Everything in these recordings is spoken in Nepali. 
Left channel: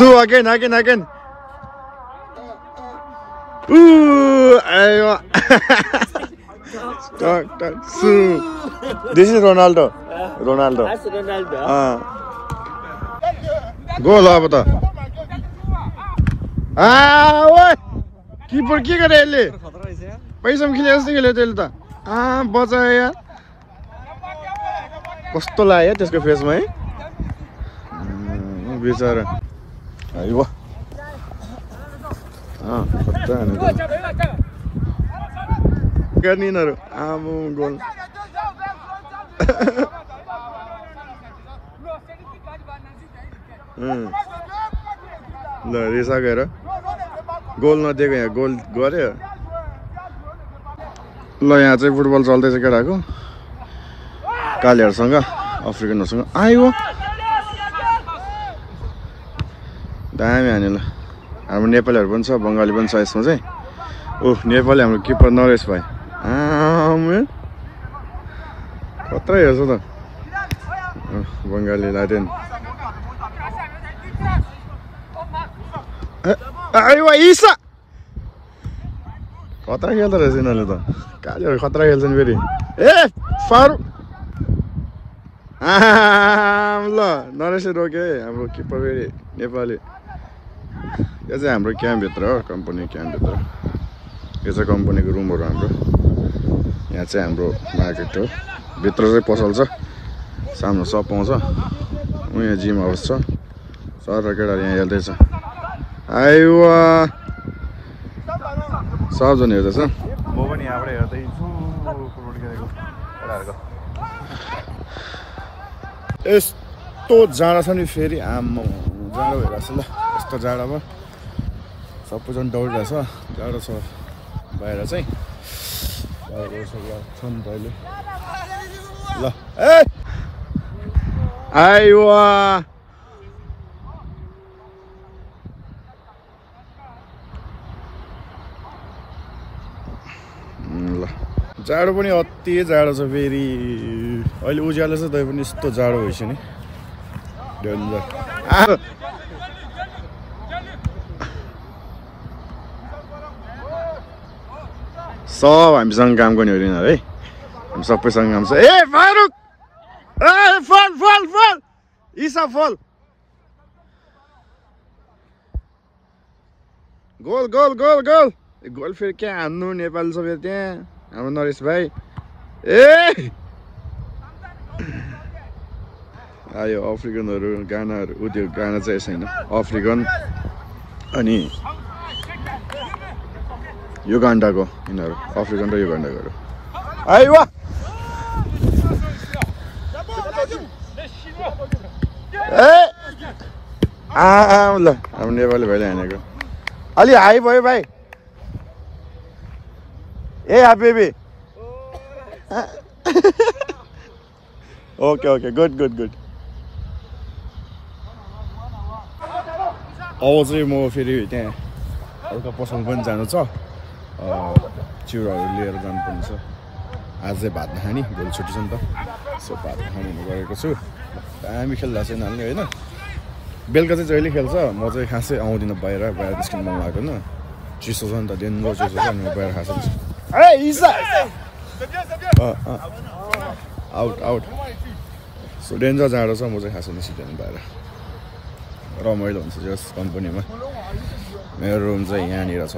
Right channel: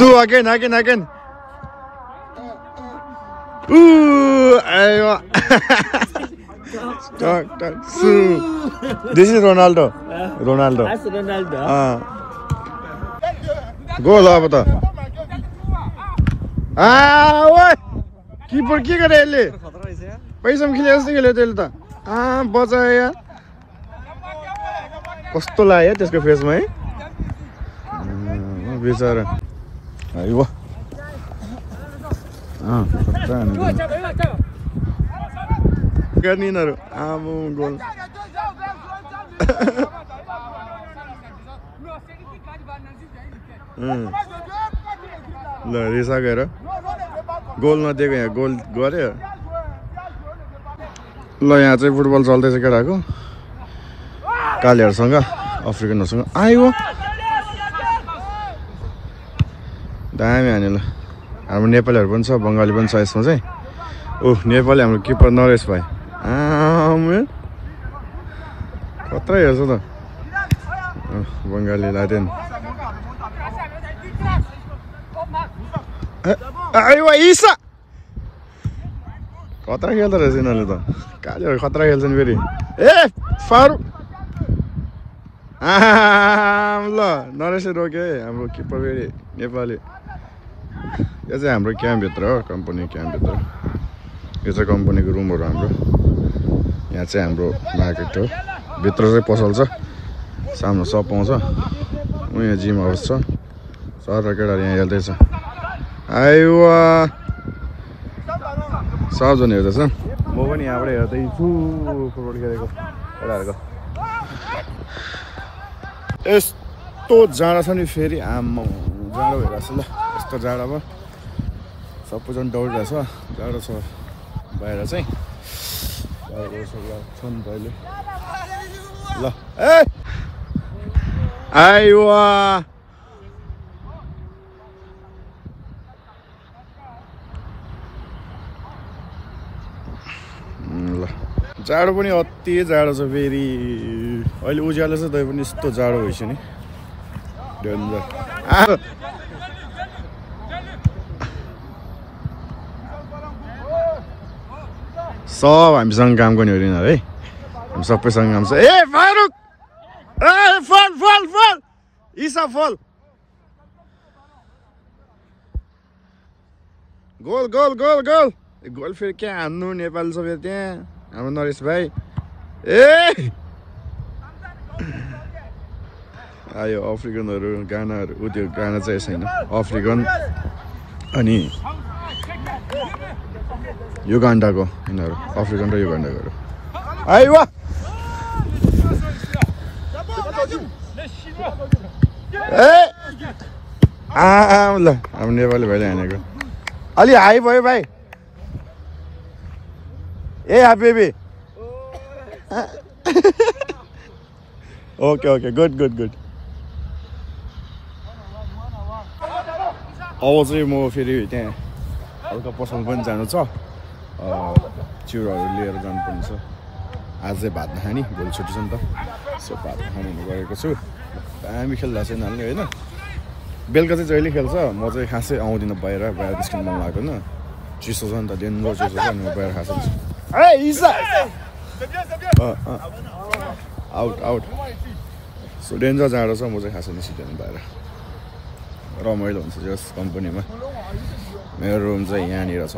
So again. Ooh, so this is Ronaldo. That's Ronaldo. Goal अब त ओए किपर के गरे यसले पैसामा खेले जस्तो खेल्यो त्यसले त बचायो यार कस्तो लाग्यो त्यसको फेसमा है बेचारा आइवा गर्ने यिनीहरू आमु गोल ल रेसा गएर गोल नदिएको यहाँ गोल गर्यो ल यहाँ चाहिँ फुटबल चल्दैछ केटाको कालीहरूसँग अफ्रिकनहरूसँग आयो दामी हाने ल हाम्रो नेपालीहरू पनि छ बङ्गाली पनि छ यसमा चाहिँ ओह नेपाली हाम्रो किपर नरेश भाइ खतरा हेर्छ त बङ्गाली लादेन इसा खतरा खेल्दो रहेछ यिनीहरूले त कालीहरू खतरा खेल्छन् फेरि ए फारू ल नरेशले रोक्यो है हाम्रो किपर फेरि नेपाली यो चाहिँ हाम्रो क्याम्पभित्र हो कम्पनी क्याम्पभित्र यो चाहिँ कम्पनीको रुमहरू हाम्रो यहाँ चाहिँ हाम्रो मार्केट हो भित्र चाहिँ पसल छ सामने सप पाउँछ यहाँ जिम हाउस छ सर केटाहरू यहाँ हेर्दैछ आयो सबजना हेर्दैछ म पनि यहाँबाट हेर्दैछु फुटबल खेलेको केटाहरूको यस्तो जाडो छ नि फेरि आम्मा जाडो भइरहेछ ल यस्तो जाडोमा सबैजना दौडिरहेछ जाडो छ बाहिर चाहिँ ल ए आइवा ल जाडो पनि अति जाडो छ फेरि अहिले उज्यालो छ तै पनि यस्तो जाडो भइसक्यो नि डेन्जर सब हामीसँग काम गर्ने हो यिनीहरू है हामी सबैसँग काम छ ए फारुक ए फल इसा फल goal goal goal goal goal फेरि क्या हान्नु नेपाली छ फेरि त्यहाँ हाम्रो नरेश भाइ ए आयो अफ्रिकनहरू गानाहरू ऊ त्यो गाना चाहिँ छैन अफ्रिकन अनि युगान्डाको यिनीहरू अफ्रिकन र युगान्डाको आयो ल हाम्रो नेपाली भाइले हानेको अलि हाई भयो भाइ ए baby okay okay good good good अब चाहिँ म फेरि त्यहाँ हल्का पसल पनि जानु छ चिउराहरू लिएर जानुपर्ने छ आज चाहिँ भात नखाने भोलि छुट्टी छ नि त सो भात नखाने गएको छु दामी खेल्दा छैन हाल्ने होइन बेलुका चाहिँ जहिले खेल्छ म चाहिँ खासै आउँदिनँ बाहिर निस्किनु मन लाग्दैन चिसो छ नि त डेन्जर चिसो छ अनि बाहिर खासै आउट आउट सो डेन्जर जाडो छ म चाहिँ खासै निस्किँदैन बाहिर रमाइलो हुन्छ यस कम्पनीमा मेरो रुम चाहिँ यहाँनिर छ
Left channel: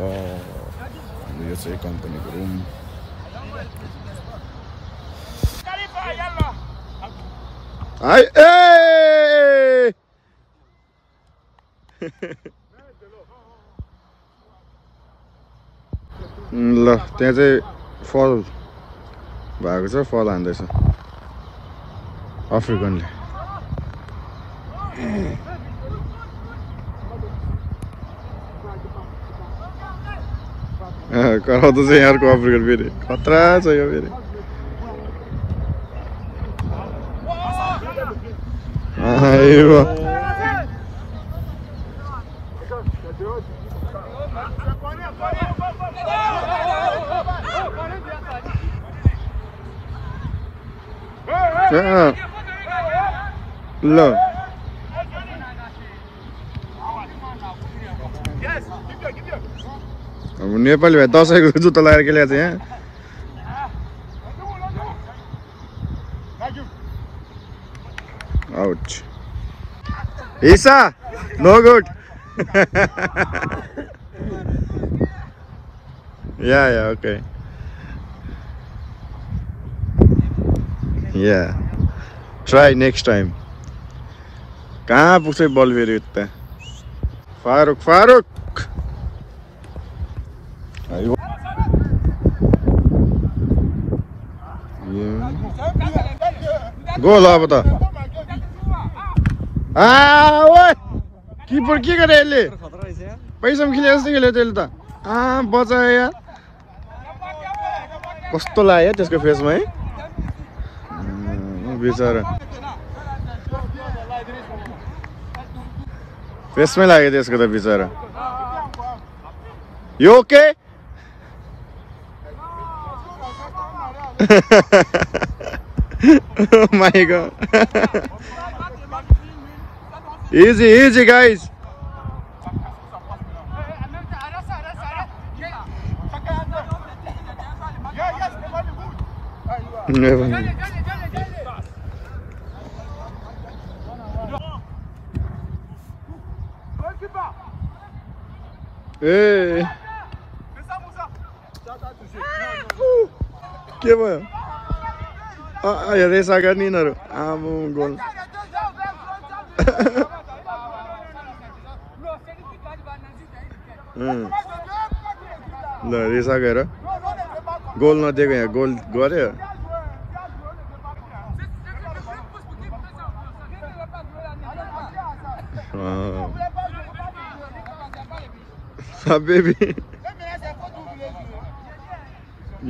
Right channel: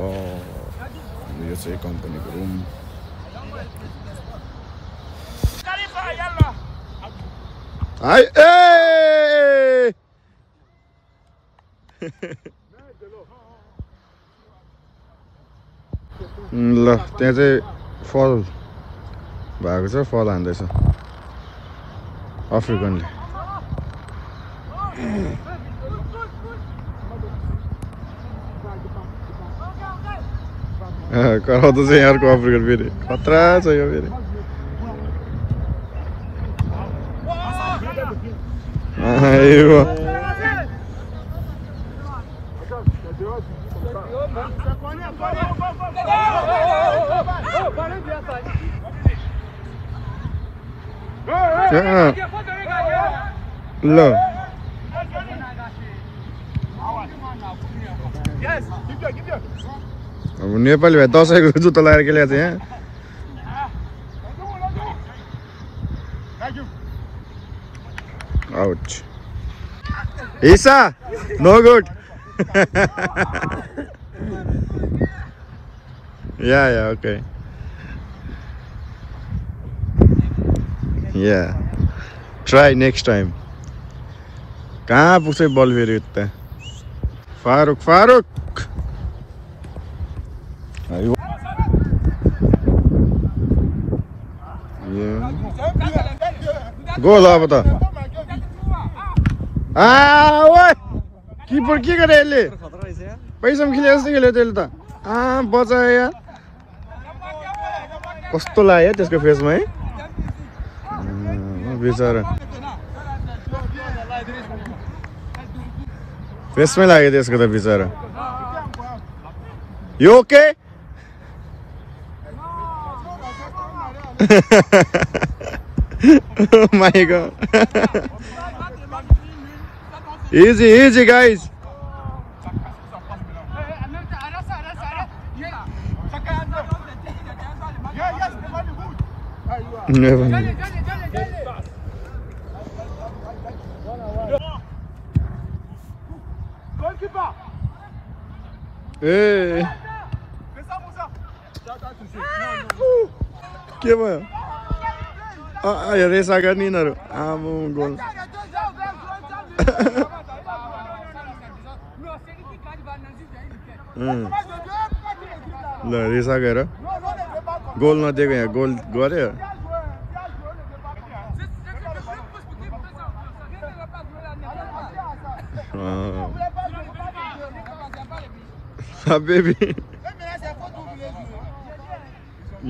यो चाहिँ कम्पनीको रुम हाई ए ल त्यहाँ चाहिँ फल भएको छ फल हान्दैछ अफ्रिकनले कराउँदो चाहिँ यहाँको अफ्रिकन फेरि खतरा छ यो फेरि ल अब नेपाली भाइ 10 जुत्ता लगाएर के ल्याएको छ यहाँ आउट ईसा no good yeah okay yeah try next time कहाँ पुग्छ बल फेरि यता फारुक गोल अब त किपर के गरे यसले पैसा खेले जस्तो खेल्यो त्यसले त बचायो यार कस्तो लाग्यो त्यसको फेसमा है बेचारा फेसमै लाग्यो त्यसको त बेचारा यो okay Oh my god. Easy guys. Never. Hey. के भयो रेसा गर्ने यिनीहरू आमु गोल ल रेसा गएर गोल नदिएको यहाँ गोल गर्यो बेबी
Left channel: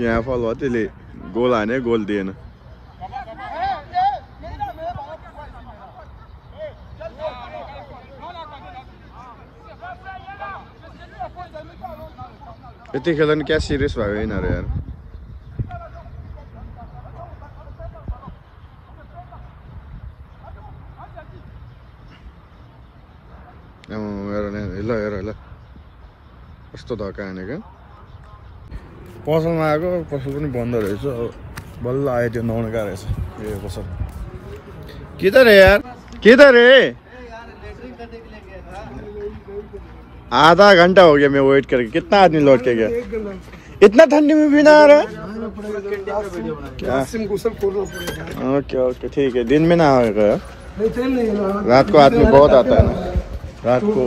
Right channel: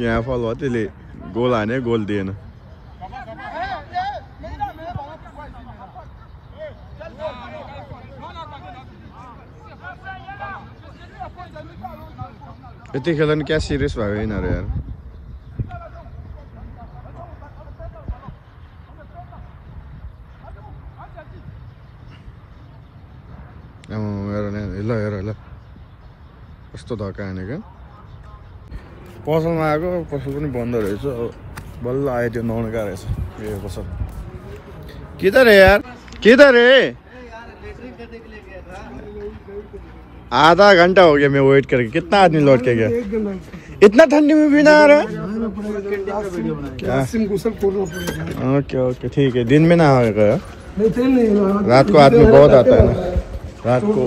यहाँ फल भयो त्यसले गोल हाने गोल दिएन यति खेल्दा नि क्या सिरियस भयो यिनीहरू यार हेर कस्तो धक्का हानेको पसलमा आएको पसल पनि बन्द रहेछ बल्ल आयो त्यो नुहाउनु गएको रहेछ यो पसल के त रे आधा घंटा हो गया मैं वेट करके कितना आदमी लौट के गया इतना ठंडी में भी ना आ रहा ओके ठीक है दिन में ना आएगा रात को आदमी बहुत आता है ना रात को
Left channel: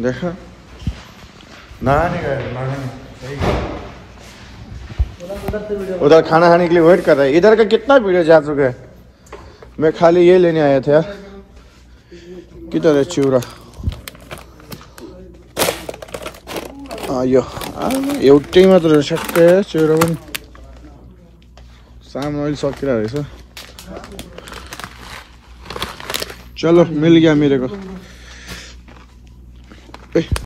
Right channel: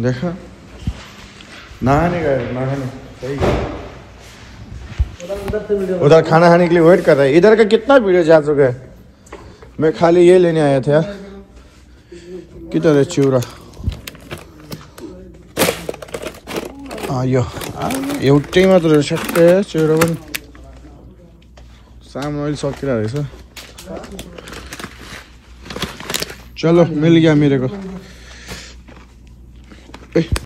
देखा नहाने सही उधर खाना खाने के लिए वेट कर रहा है इधर का कितना वीडियो जा चुका है मैं खाली ये लेने आया था किधर है चिउरा यो एउटै मात्र ठ्याक्कै चिउरा पनि सामान अहिले सकिरहेको रहेछ चलो मिल गया मेरे को